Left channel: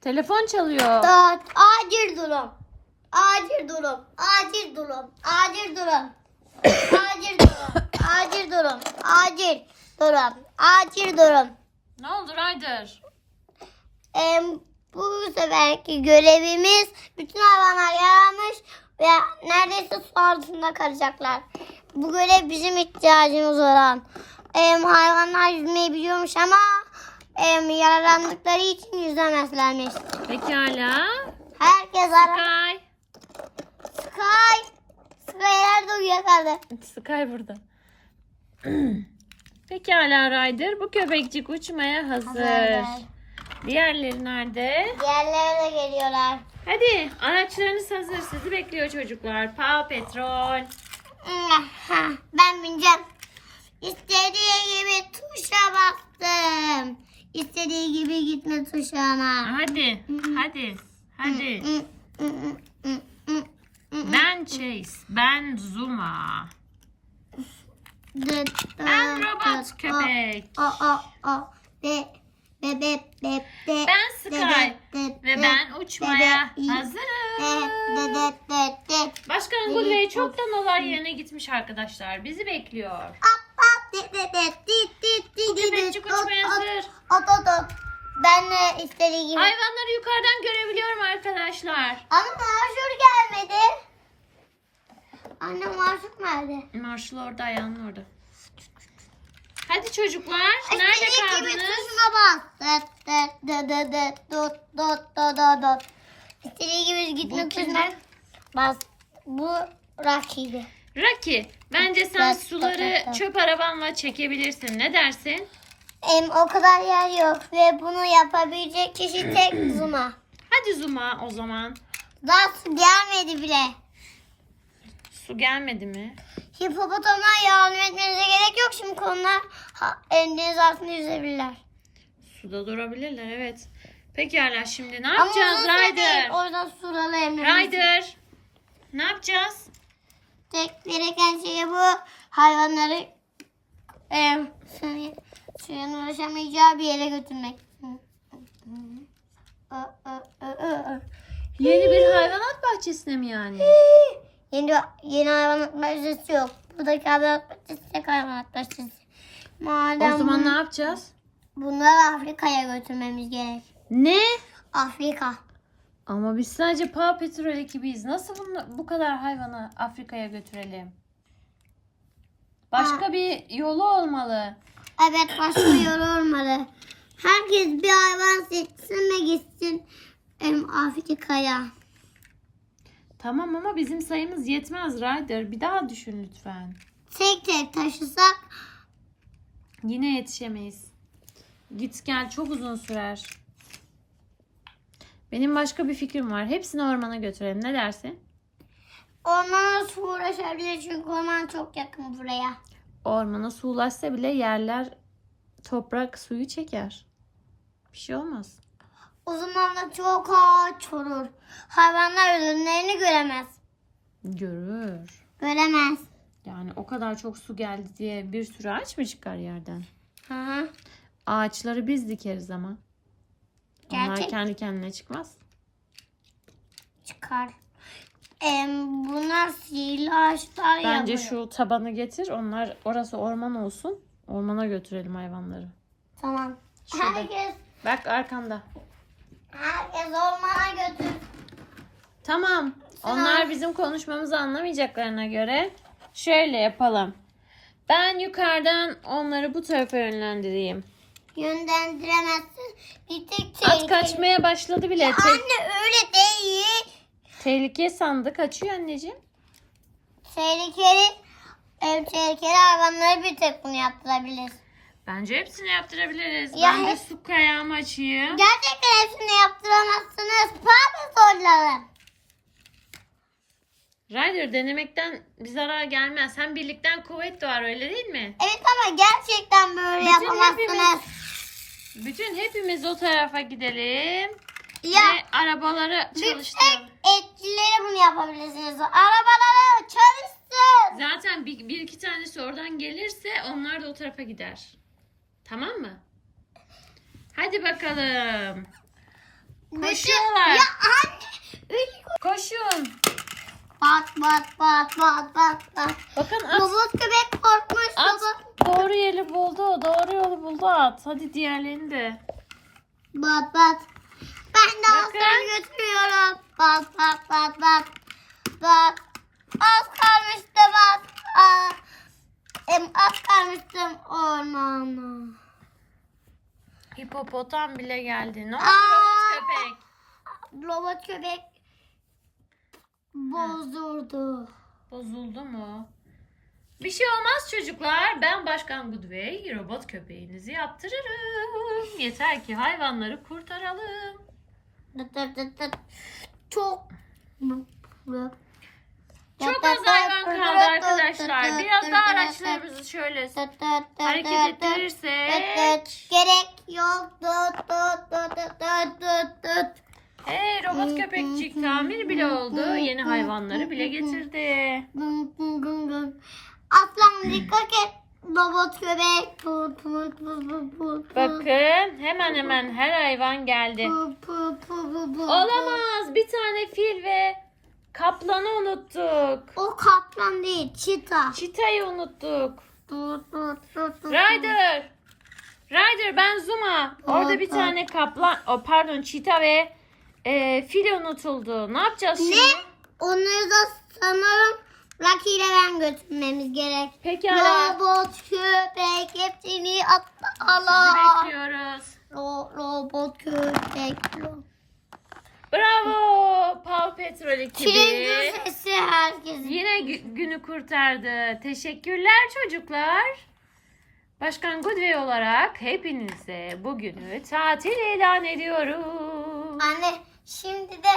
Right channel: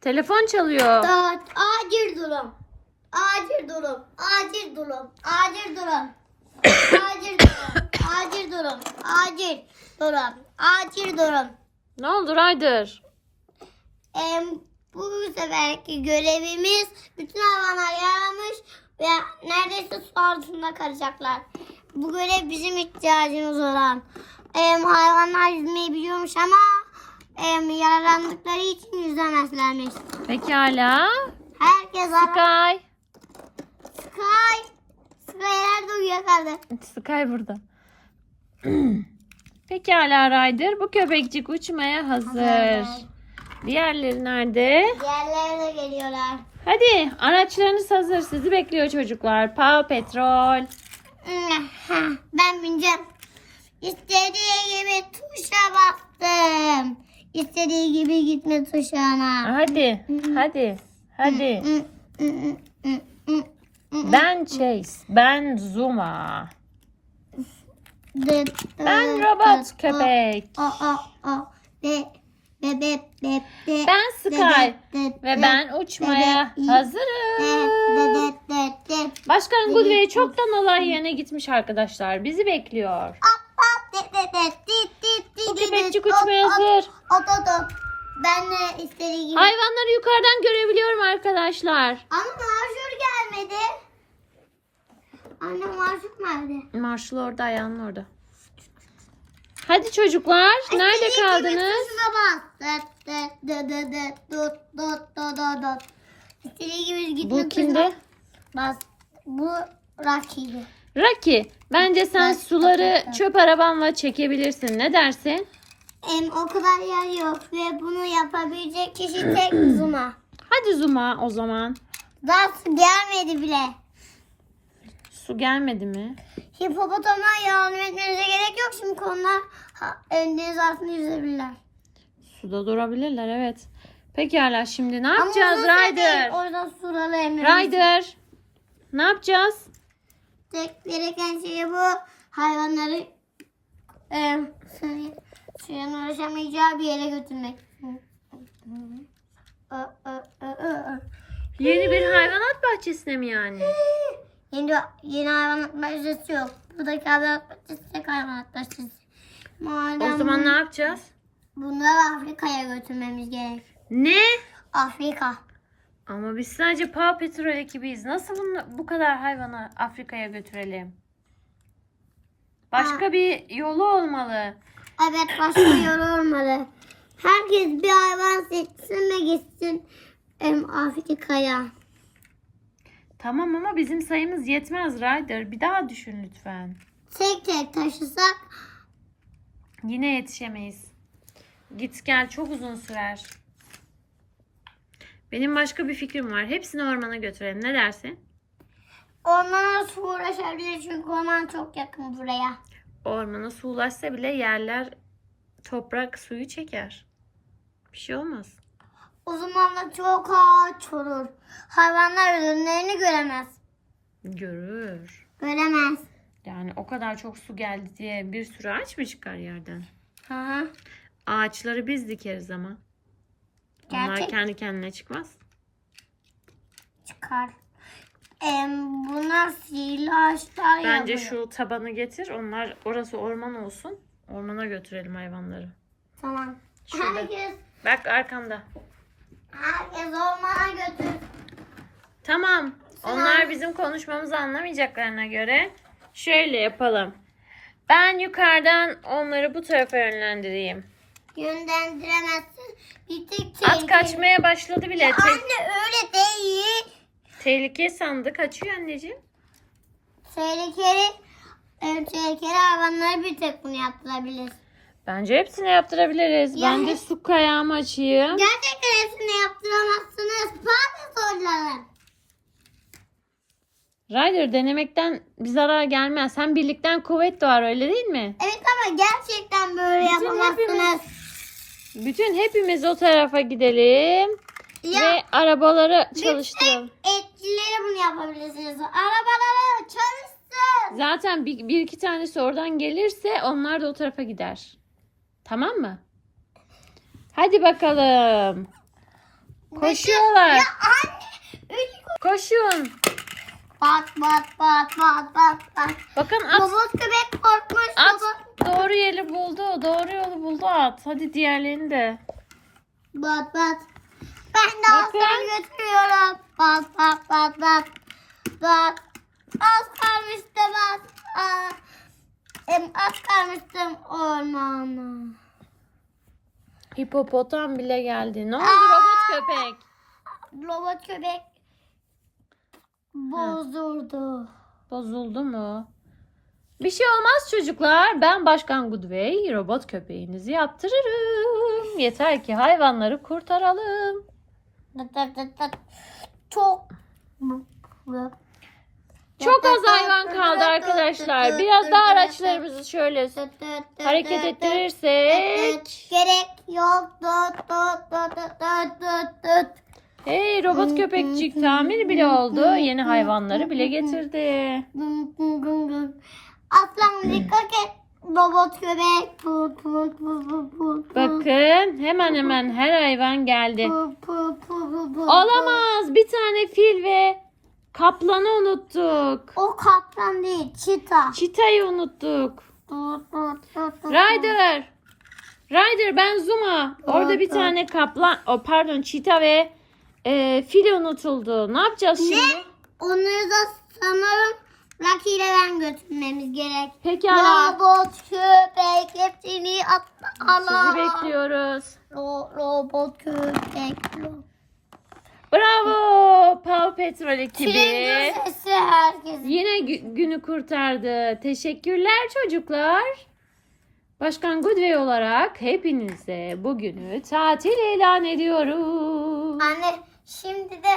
Telefon çalıyor. Dört. Acil durum. Acil durum. Acil durum. Acil durum. Acil durum. Acil durum. Acil durum. Acil durum. Ne oldu Ryder? Em, bu seferki görevimiz bütün hayvanlar yaramış ve neredeyse su altında kalacaklar. Bu görev bizim ihtiyacımız olan. Em, hayvanlar yüzmeyi biliyormuş ama em, yaralandıkları için yüzemezlermiş. Pekala. Herkes ara. Sky. Sky. Sky nerede uyuyakaldı? Sky burada. Pekala Ryder. Bu köpekçik uçmaya hazır. Diğerleri nerede? Diğerleri de geliyorlar. Hadi araçlarınız hazır. Sizi bekliyor çocuklar. Paw Petrol. Ben bineceğim. İstediği gibi tuşa bastım. İstediği gibi gitme tuşuna. Hadi. Hadi. Hadi. Ben Chase. Ben Zuma. Ben robot köpek. O o o. Be be be be be. Ben Sky. Ve ben uçmaya hazırım. Başkan Gulle'yi çoktan olay yerine gitmiş arkadaşlar. Bizi bekliyor. Bu köpekçik uçmaya hazır. Ben de istediği gibi. Hayvanları yukarıdan görebiliyorum arkadaşlar. Ama marşur gelmedi. Anne marşur nerede? Marshall orada ayağının orada. Hadi çocuklar. Nerede İstediği gibi kaldınız? tuşuna bas. Dut dut dut dut dut. İstediği gibi gitme tuşuna bas. Bu Rocky'di. Rocky. Bence sen suları çöp arabanla çekebilirsin. Ne dersin? Em, o kadar yer yok ve bunu yapabilecek kişi tek Zuma. Hadi Zuma o zaman. Daha su gelmedi bile. Su gelmedi mi? Hipopotamlar yardım etmenize gerek yok şimdi onlar ha, deniz altında yüzebilirler. Suda durabilirler evet. Pekala şimdi ne yapacağız uzun süre değil, Ryder? Orada suralı emrimiz. Ryder. Ne yapacağız? Tek gereken şey bu hayvanları e, suya, suyun ulaşamayacağı bir yere götürmek. Yeni bir hayvanat bahçesine mi yani? Yeni, yeni hayvanat bahçesi yok. Buradaki hayvanat bahçesi tek hayvanat bahçesi. Madem O zaman ne yapacağız? bunları Afrika'ya götürmemiz gerek. Ne? Afrika. Ama biz sadece Paw Patrol ekibiyiz. Nasıl bunu, bu kadar hayvanı Afrika'ya götürelim? Başka bir yolu olmalı. Evet başka yol olmalı. Herkes bir hayvan seçsin ve gitsin em, Afrika'ya. Tamam ama bizim sayımız yetmez Ryder. Bir daha düşün lütfen. Tek tek taşısak Yine yetişemeyiz. Git gel çok uzun sürer. Benim başka bir fikrim var. Hepsini ormana götürelim. Ne dersin? ormana uğraşabilir çünkü orman çok yakın buraya. Ormana su ulaşsa bile yerler toprak suyu çeker. Bir şey olmaz. O zaman da çok ağaç olur. Hayvanlar ürünlerini göremez. Görür. Göremez. Yani o kadar çok su geldi diye bir sürü ağaç mı çıkar yerden? Hı hı. Ağaçları biz dikeriz ama. Onlar Gerçek. kendi kendine çıkmaz. Çıkar. Em, bunlar sihirli ağaçlar Bence yapıyor. şu tabanı getir. Onlar orası orman olsun. Ormana götürelim hayvanları. Tamam. Şurada. Herkes, Bak arkanda. herkes ormana götür. Tamam. Onlar bizim konuşmamızı anlamayacaklarına göre şöyle yapalım. Ben yukarıdan onları bu tarafa yönlendireyim. Yönlendiremezsin. Bir tek At tehlikeli. kaçmaya başladı bile. Ya Te- anne öyle değil. Tehlike sandı. Kaçıyor anneciğim. Tehlikeli, em, tehlikeli hayvanlara bir tek bunu yaptırabilir. Bence hepsini yaptırabiliriz. Ya ben de hep- su kayağımı açayım. Gerçekten hepsini yaptıramazsınız. Pardon sorularım. Ryder denemekten bir zarar gelmez. Hem birlikten kuvvet doğar öyle değil mi? Evet ama gerçekten böyle Bütün yapamazsınız. Bütün hepimiz o tarafa gidelim. Ya Ve arabaları çalıştıralım. bunu yapabilirsiniz. Arabaları çalışsın. Zaten bir, bir iki tanesi oradan gelirse onlar da o tarafa gider. Tamam mı? Hadi bakalım. Koşuyorlar. Ya anne. Koşun. Bat bat bat bat bat bat. Bakın at. Robot köpek korkmuş. At Robot. doğru yeri buldu. Doğru yolu buldu at. Hadi diğerlerini de. Bat bat. Ben de aslan götürüyorum. Bat bat bat bat. Bat. Az kalmıştı bat. Aa, em, az kalmıştım ormana. Hipopotam bile geldi. Ne oldu Aa! robot köpek? Robot köpek bozuldu. Bozuldu mu? Bir şey olmaz çocuklar. Ben Başkan Goodway robot köpeğinizi yaptırırım. Yeter ki hayvanları kurtaralım. Çok Çok az hayvan kaldı arkadaşlar. Biraz daha araçlarımızı şöyle hareket ettirirsek. Gerek yok. Hey robot köpekçik tamir bile oldu. Yeni hayvanları bile getirdi. Aslan dikkat et. Robot köpek. Put put put put put. Bakın hemen hemen her hayvan geldi. Put put put put put. Olamaz. Bir tane fil ve kaplanı unuttuk. O kaplan değil, çita. Çitayı unuttuk. Tut tut tut tut. Ryder. Ryder ben Zuma. Orada bir tane kaplan, o pardon çita ve e, fil unutuldu. Ne yapacağız şimdi? Ne? Onları da sanırım Rocky ile ben götürmemiz gerek. Pekala. Robot köpek hepsini atla Sizi bekliyoruz. Ro- robot köpek. ro- Bravo. Paw Patrol ekibi. Tren sesi herkes. Yine gü- günü kurtardı. Teşekkürler çocuklar. Başkan Goodway olarak hepinize bugünü tatil ilan ediyorum. Anne şimdi de